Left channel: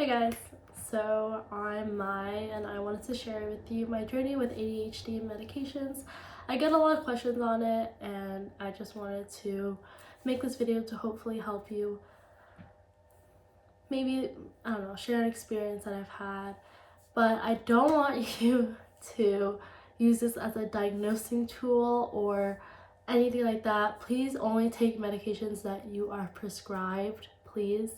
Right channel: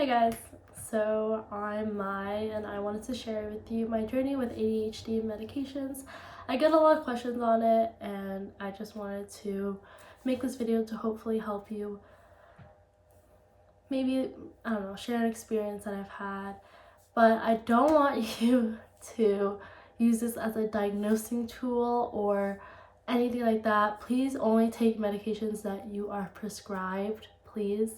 Hey guys, so I'm Mai and I wanted to share with you my journey with ADHD medications. I get a lot of questions on it and I just wanted to make this video to hopefully help you maybe, I don't know, share an experience that I've had. But I don't want you to use this as a diagnosing tool or anything like that. Please only take medications that you are prescribed, please.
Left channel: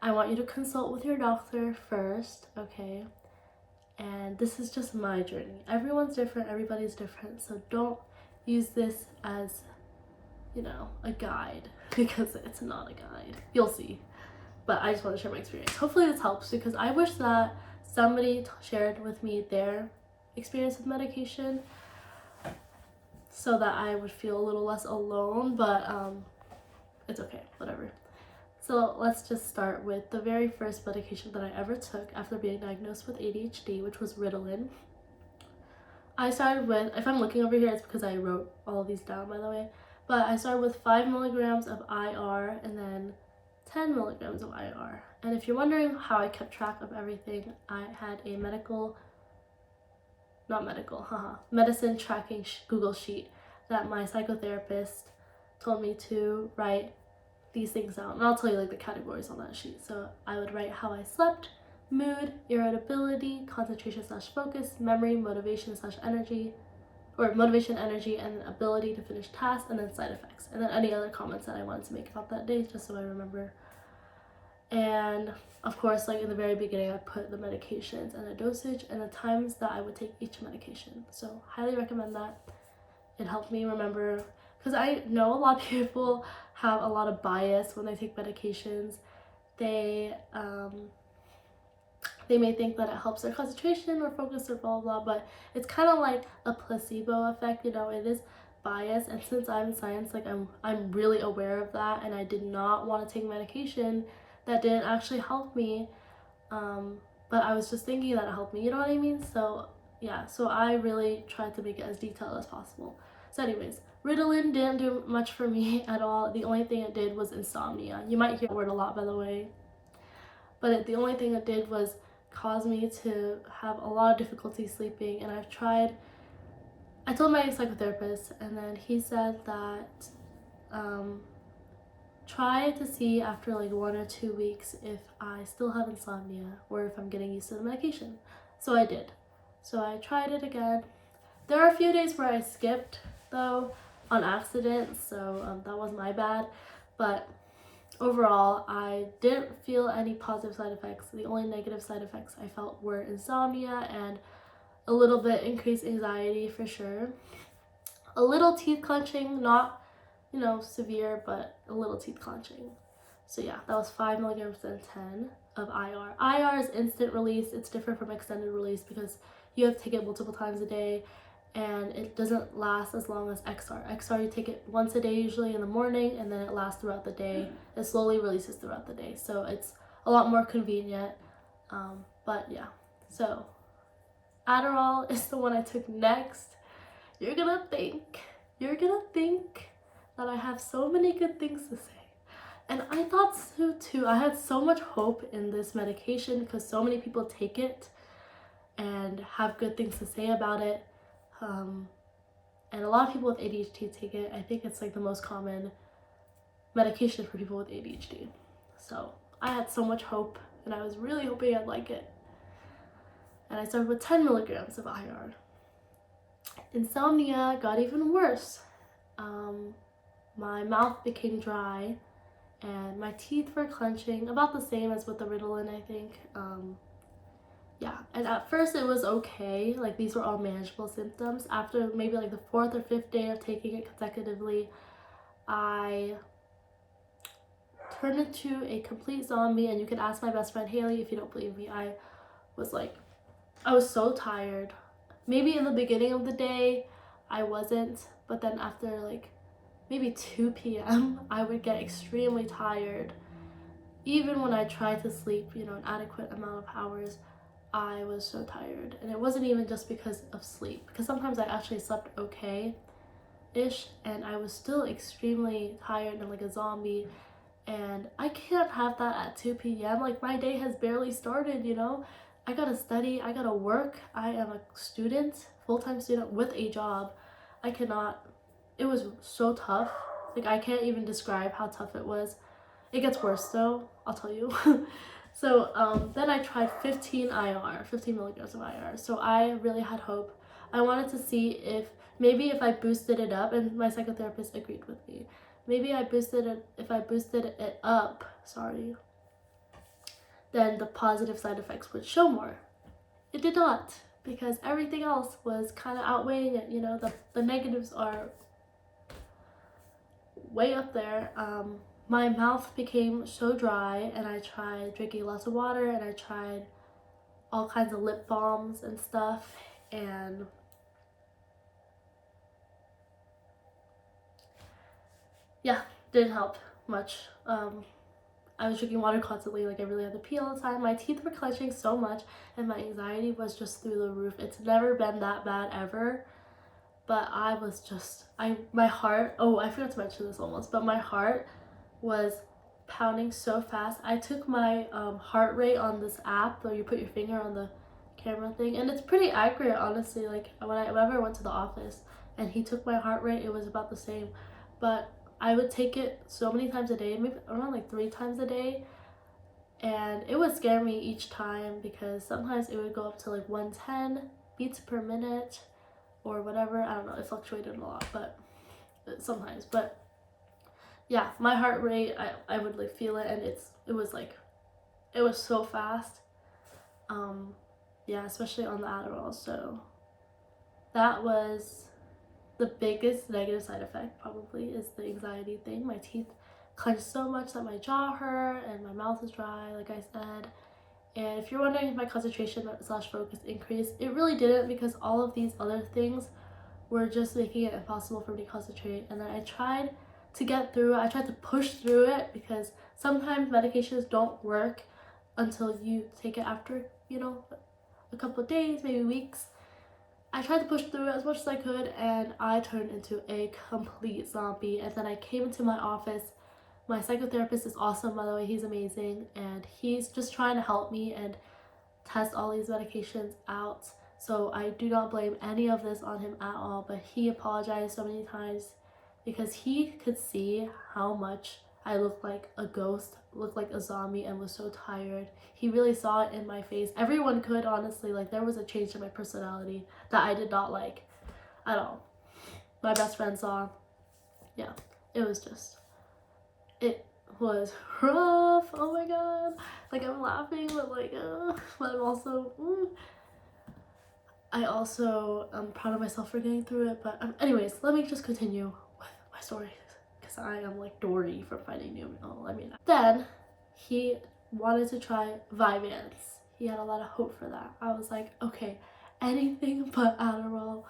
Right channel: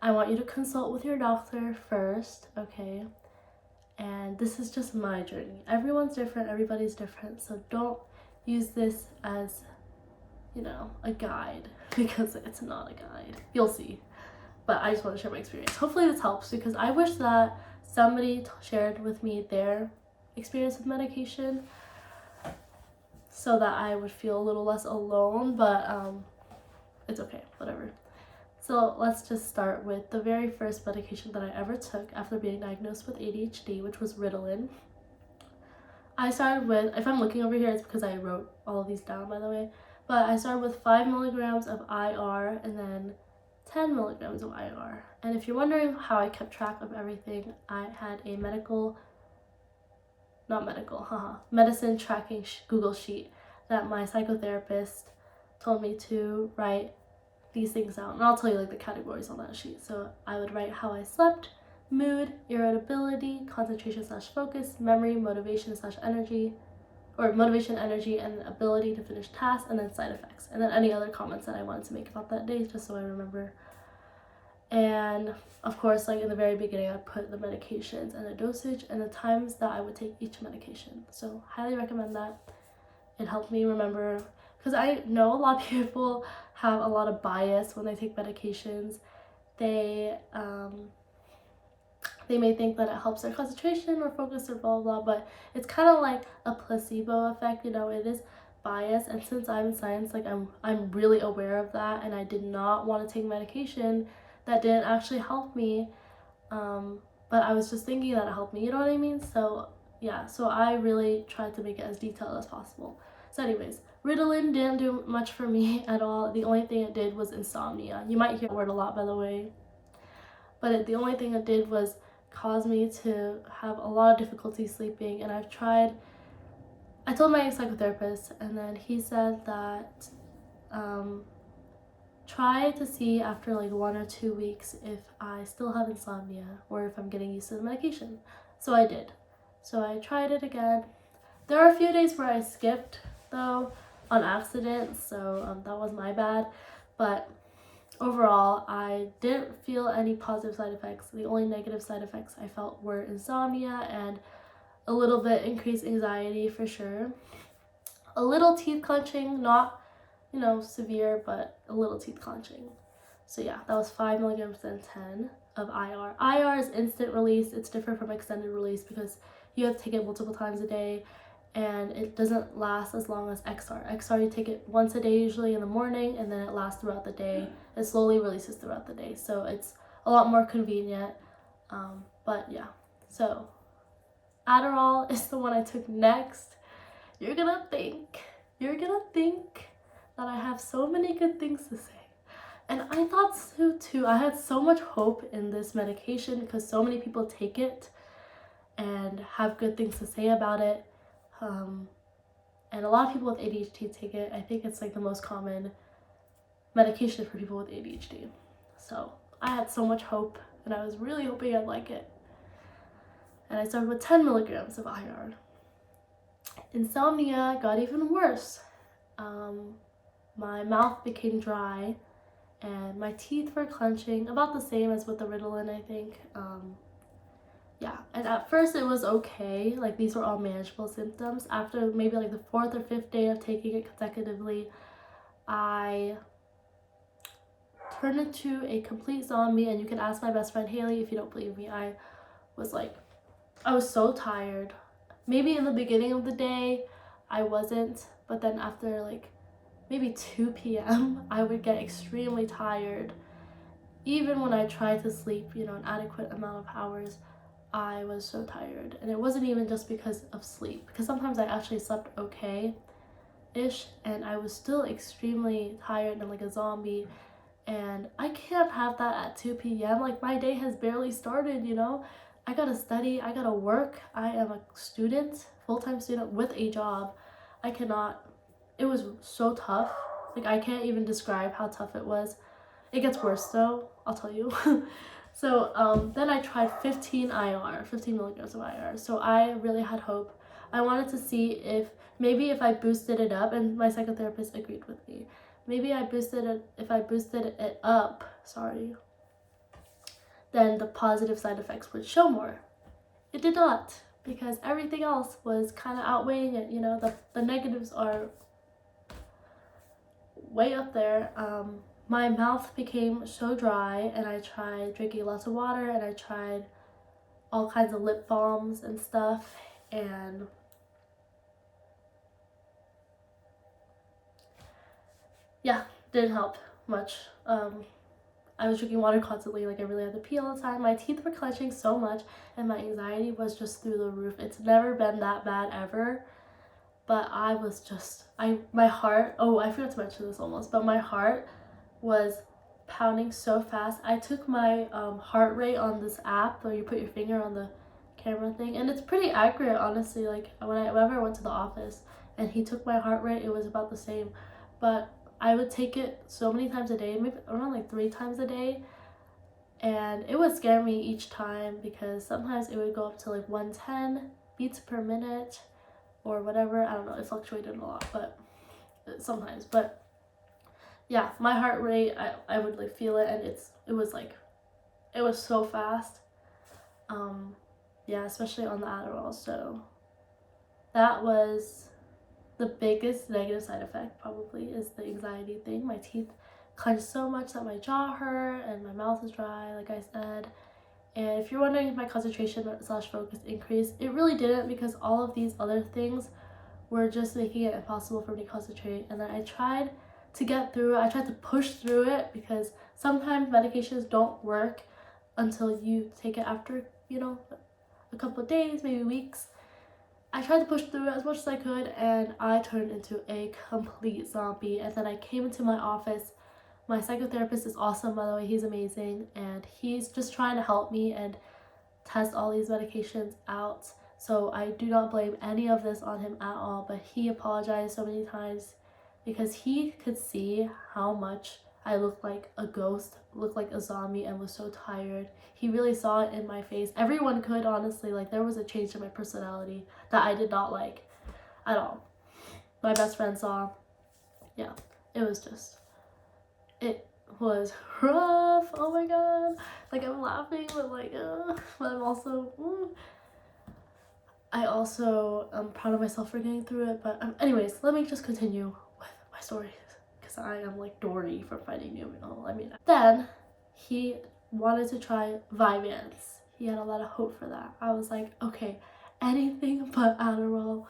I want you to consult with your doctor first, okay? And this is just my journey. Everyone's different, everybody's different, so don't use this as, a guide, because it's not a guide. You'll see. But I just want to share my experience. Hopefully this helps, because I wish that somebody shared with me their experience with medication so that I would feel a little less alone, but it's okay, whatever. So let's just start with the very first medication that I ever took after being diagnosed with ADHD, which was Ritalin. I started with, if I'm looking over here, it's because I wrote all of these down, by the way, but I started with 5 milligrams of IR and then 10 milligrams of IR. And if you're wondering how I kept track of everything, I had a medicine tracking Google sheet that my psychotherapist told me to write these things down, and I'll tell you like the categories on that sheet. So I would write how I slept, mood, irritability, concentration/focus, memory, motivation/energy, or motivation, energy, and ability to finish tasks, and then side effects, and then any other comments that I wanted to make about that day, just so I remember. And of course, like in the very beginning, I put the medications and the dosage and the times that I would take each medication. So highly recommend that. It helped me remember, because I know a lot of people have a lot of bias when they take medications. They may think that it helps their concentration or focus or blah blah, but it's kind of like a placebo effect, it is bias. And since I'm in science, like I'm really aware of that, and I did not want to take medication that didn't actually help me, but I was just thinking that it helped me, you know what I mean? So yeah, so I really tried to make it as detailed as possible. So anyways, Ritalin didn't do much for me at all. The only thing it did was insomnia. You might hear that word a lot, by the way. But the only thing it did was cause me to have a lot of difficulty sleeping. And I told my psychotherapist, and then he said that try to see after like 1 or 2 weeks if I still have insomnia or if I'm getting used to the medication. So I did. So I tried it again. There are a few days where I skipped, though, on accident, so that was my bad. But overall, I didn't feel any positive side effects. The only negative side effects I felt were insomnia and a little bit increased anxiety for sure. A little teeth clenching, not, severe, but a little teeth clenching. So yeah, that was 5 milligrams and 10 of IR. IR is instant release. It's different from extended release because you have to take it multiple times a day, and it doesn't last as long as XR. XR, you take it once a day, usually in the morning, and then it lasts throughout the day. It slowly releases throughout the day, so it's a lot more convenient. But yeah, so Adderall is the one I took next. You're gonna think that I have so many good things to say. And I thought so too. I had so much hope in this medication because so many people take it and have good things to say about it. And a lot of people with ADHD take it. I think it's like the most common medication for people with ADHD. So I had so much hope, and I was really hoping I'd like it. And I started with 10 milligrams of IR. Insomnia got even worse. My mouth became dry, and my teeth were clenching, about the same as with the Ritalin, I think. Yeah, and at first it was okay, like these were all manageable symptoms. After maybe like the 4th or 5th day of taking it consecutively, I turned into a complete zombie. And you can ask my best friend Haley if you don't believe me. I was so tired. Maybe in the beginning of the day I wasn't, but then after like maybe 2 p.m. I would get extremely tired. Even when I tried to sleep, an adequate amount of hours, I was so tired. And it wasn't even just because of sleep, because sometimes I actually slept okay-ish, and I was still extremely tired and like a zombie. And I can't have that at 2 p.m. Like, my day has barely started, you know? I gotta study, I gotta work. I am a student, full-time student with a job. I cannot, it was so tough. Like, I can't even describe how tough it was. It gets worse though, I'll tell you. So then I tried 15 milligrams of IR. So I really had hope. I wanted to see if maybe if I boosted it up, and my psychotherapist agreed with me. Maybe if I boosted it up, then the positive side effects would show more. It did not, because everything else was kind of outweighing it, you know, the negatives are way up there. My mouth became so dry, and I tried drinking lots of water, and I tried all kinds of lip balms and stuff, and yeah, didn't help much. I was drinking water constantly, like I really had to pee all the time. My teeth were clenching so much, and my anxiety was just through the roof. It's never been that bad ever, but I was just, my heart, oh, I forgot to mention this almost, but my heart was pounding so fast. I took my heart rate on this app where you put your finger on the camera thing, and it's pretty accurate, honestly. Like, whenever I went to the office and he took my heart rate, it was about the same. But I would take it so many times a day, maybe around like 3 times a day, and it would scare me each time, because sometimes it would go up to like 110 beats per minute or whatever. I don't know, it fluctuated a lot, but sometimes. But yeah, my heart rate, I would like feel it, and it was so fast. Yeah, especially on the Adderall. So that was the biggest negative side effect, probably, is the anxiety thing. My teeth clenched so much that my jaw hurt, and my mouth is dry, like I said. And if you're wondering if my concentration / focus increased, it really didn't, because all of these other things were just making it impossible for me to concentrate. And then I tried to get through it. I tried to push through it, because sometimes medications don't work until you take it after, you know, a couple of days, maybe weeks. I tried to push through it as much as I could, and I turned into a complete zombie. And then I came into my office. My psychotherapist is awesome, by the way. He's amazing, and he's just trying to help me and test all these medications out. So I do not blame any of this on him at all, but he apologized so many times, because he could see how much I looked like a ghost, looked like a zombie, and was so tired. He really saw it in my face. Everyone could, honestly. Like, there was a change to my personality that I did not like at all. My best friend saw. Yeah, it was rough. Oh my god. Like, I'm laughing, but like, but I'm also, I also am proud of myself for getting through it. But anyways, let me just continue with my story, because I am like Dory from Finding Nemo. I mean, then he wanted to try Vyvanse. He had a lot of hope for that. I was like, okay, anything but Adderall,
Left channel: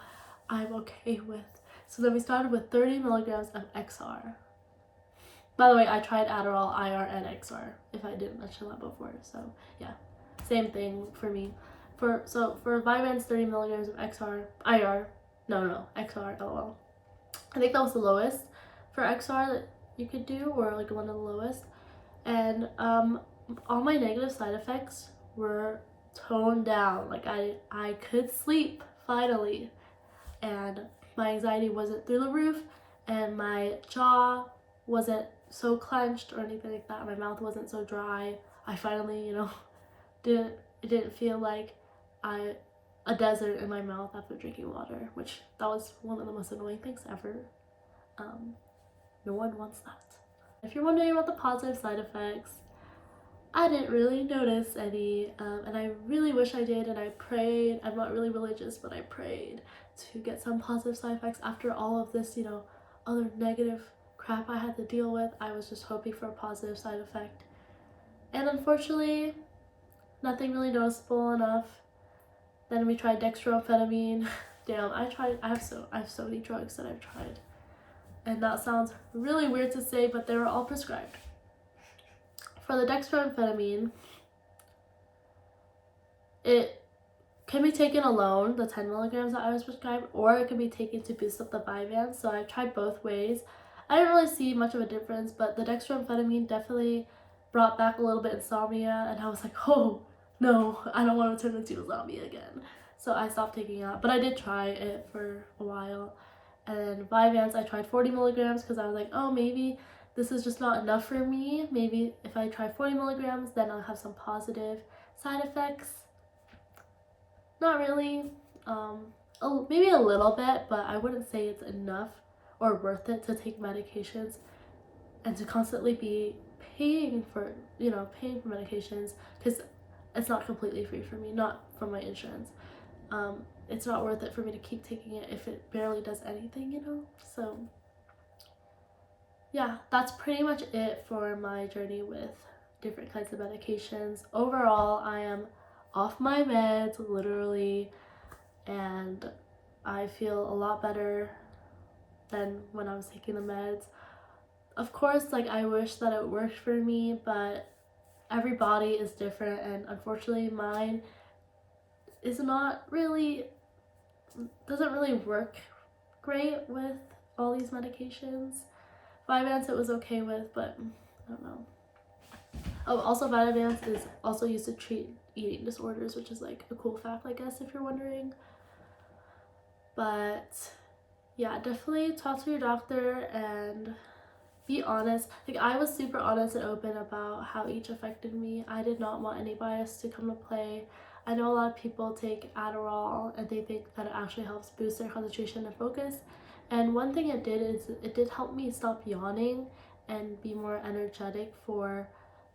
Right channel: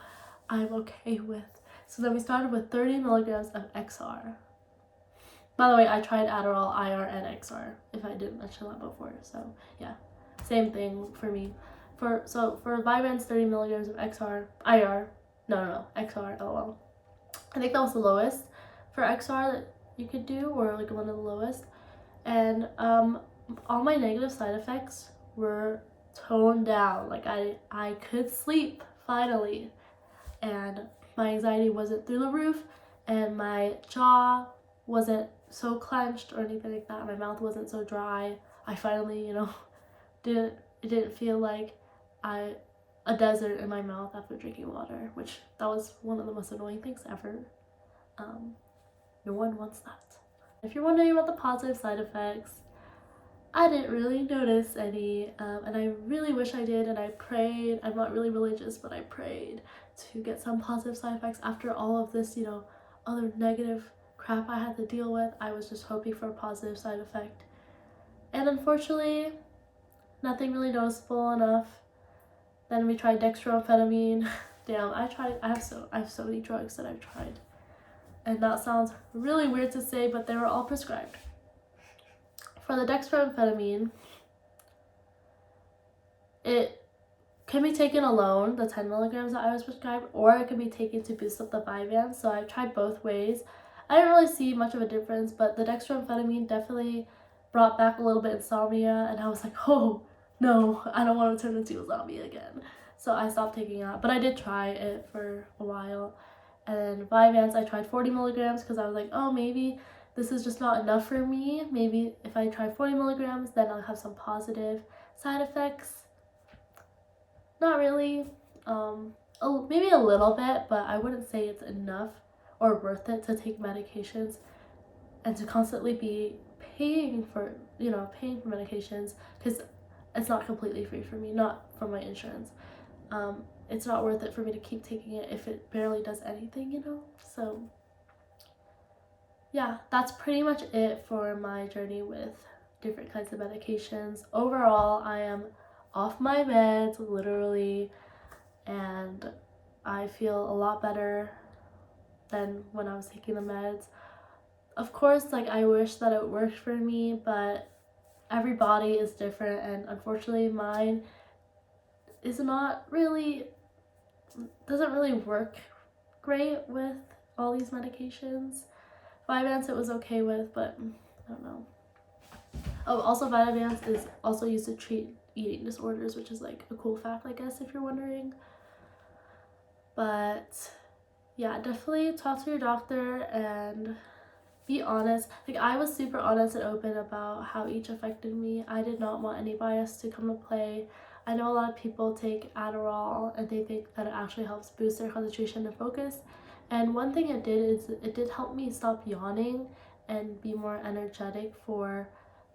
I'm okay with. So then we started with 30 milligrams of XR. By the way, I tried Adderall, IR, and XR, if I didn't mention that before. So yeah, same thing for me. For Vyvanse, 30 milligrams of XR, XR, LOL. I think that was the lowest for XR that you could do, or like one of the lowest. And all my negative side effects were toned down. Like, I could sleep finally, and my anxiety wasn't through the roof, and my jaw wasn't so clenched or anything like that. My mouth wasn't so dry. I finally, you know, didn't feel like a desert in my mouth after drinking water, which that was one of the most annoying things ever. No one wants that. If you're wondering about the positive side effects, I didn't really notice any, and I really wish I did, and I prayed. I'm not really religious, but I prayed to get some positive side effects after all of this, you know, other negative crap I had to deal with. I was just hoping for a positive side effect, and unfortunately, nothing really noticeable enough. Then we tried dextroamphetamine. Damn, I have so many drugs that I've tried, and that sounds really weird to say, but they were all prescribed. For the dextroamphetamine, it can be taken alone, the 10 milligrams that I was prescribed, or it can be taken to boost up the Vyvanse. So I've tried both ways. I didn't really see much of a difference, but the dextroamphetamine definitely brought back a little bit insomnia, and I was like, oh no, I don't want to turn into a zombie again. So I stopped taking it, but I did try it for a while. And Vyvanse, I tried 40 milligrams because I was like, oh, maybe this is just not enough for me. Maybe if I try 40 milligrams, then I'll have some positive side effects. Not really. Maybe a little bit, but I wouldn't say it's enough or worth it to take medications and to constantly be paying for medications, because it's not completely free for me, not from my insurance. It's not worth it for me to keep taking it if it barely does anything, So yeah, that's pretty much it for my journey with different kinds of medications. Overall, I am off my meds, literally, and I feel a lot better than when I was taking the meds. Of course, I wish that it worked for me, but every body is different, and unfortunately mine doesn't really work great with all these medications. Vyvanse it was okay with, but I don't know. Oh, also Vyvanse is also used to treat eating disorders, which is a cool fact, I guess, if you're wondering. But yeah, definitely talk to your doctor and be honest. I was super honest and open about how each affected me. I did not want any bias to come to play. I know a lot of people take Adderall and they think that it actually helps boost their concentration and focus. And one thing it did is it did help me stop yawning and be more energetic for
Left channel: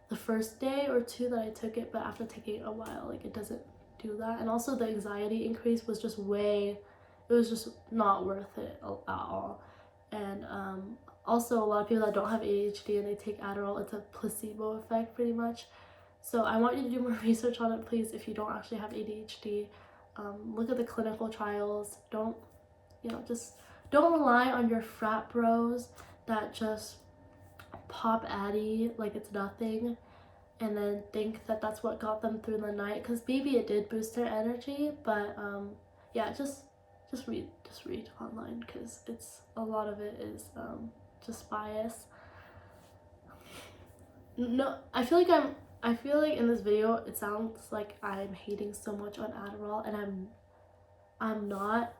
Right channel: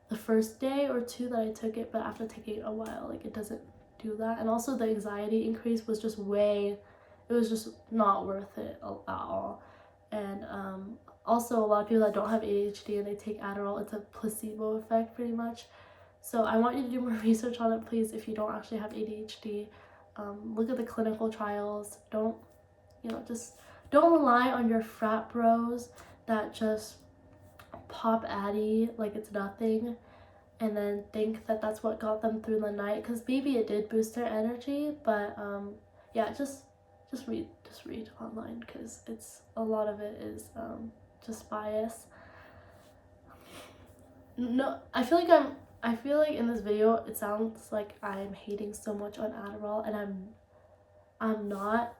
the first day or two that I took it, but after taking it a while, it doesn't do that. And also the anxiety increase was just it was just not worth it at all. And also a lot of people that don't have ADHD and they take Adderall, it's a placebo effect pretty much. So I want you to do more research on it, please, if you don't actually have ADHD. Look at the clinical trials. Don't rely on your frat bros that just pop Addy like it's nothing and then think that that's what got them through the night, because maybe it did boost their energy, but yeah, just read online, because a lot of it is just bias. No, I feel like in this video it sounds like I'm hating so much on Adderall, and I'm not.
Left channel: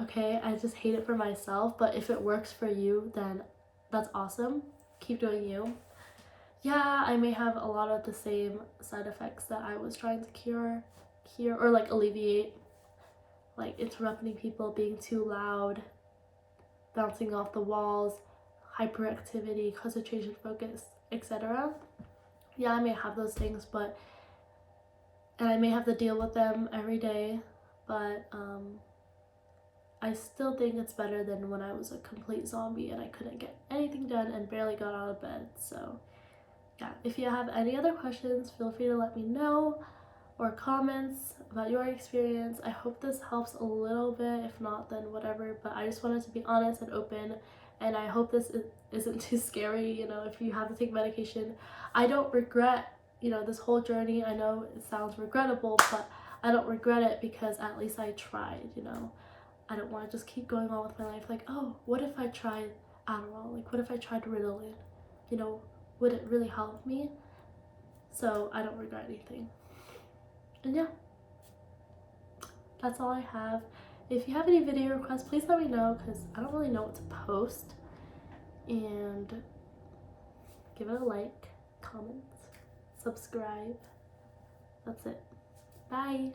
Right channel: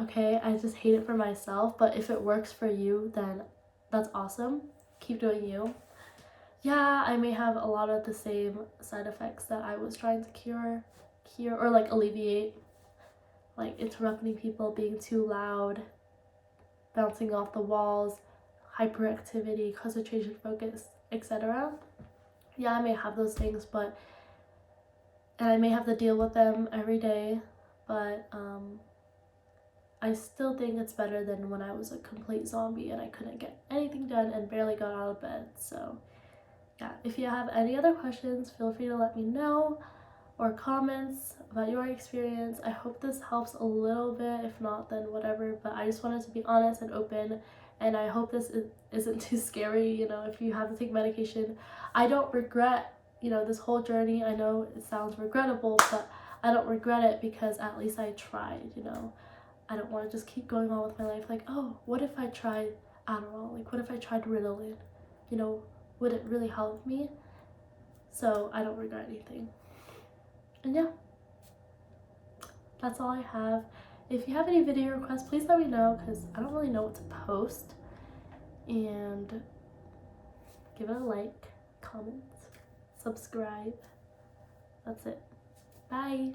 Okay, I just hate it for myself, but if it works for you, then that's awesome. Keep doing you. Yeah, I may have a lot of the same side effects that I was trying to cure or alleviate, interrupting people, being too loud, bouncing off the walls, hyperactivity, concentration, focus, etc. Yeah, I may have those things, and I may have to deal with them every day, but I still think it's better than when I was a complete zombie and I couldn't get anything done and barely got out of bed. So yeah, if you have any other questions, feel free to let me know, or comments about your experience. I hope this helps a little bit. If not, then whatever. But I just wanted to be honest and open, and I hope this isn't too scary, if you have to take medication. I don't regret, this whole journey. I know it sounds regrettable, but I don't regret it because at least I tried, I don't want to just keep going on with my life oh, what if I tried Adderall? What if I tried Ritalin? Would it really help me? So I don't regret anything. And yeah, that's all I have. If you have any video requests, please let me know, because I don't really know what to post. And give it a like, comment, subscribe. That's it. Bye.